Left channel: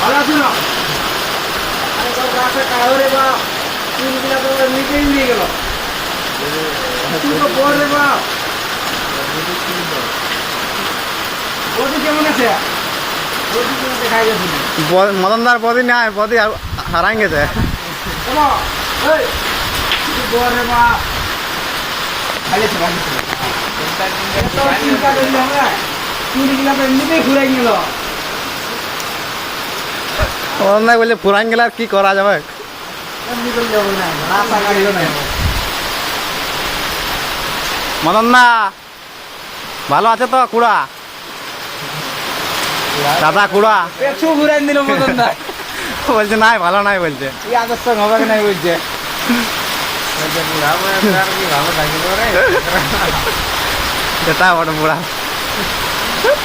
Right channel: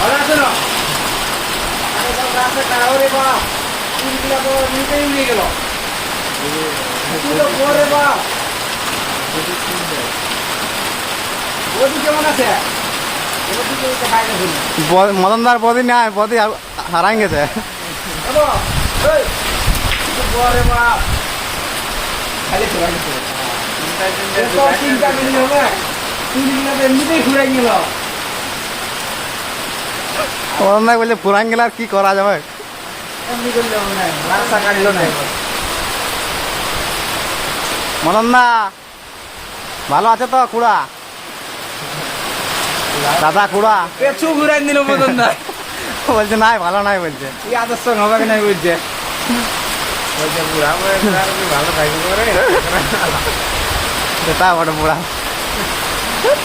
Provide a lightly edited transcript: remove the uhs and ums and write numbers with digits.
ভালো আছে না? রে বাপ 3 কিলো তো রিপেয়ারিং দিয়ে গেল। তুই তো বড় রে বাপ। বডি কেমন আছে? মদনদার বদি নাই, বদি হারাই গেছে। মদনদাই বলছে পুরান গেলে আর কি করা যাবে? মদনদা ভালো আছে তো? কুড়া দাদা কুড়া পেছু ঘুরাই দিল মদনদা। বলছে নাই ভালো নাই, বলছে এই আদর্শ হবে নাই বলছে। সেটা বড় বুড়া।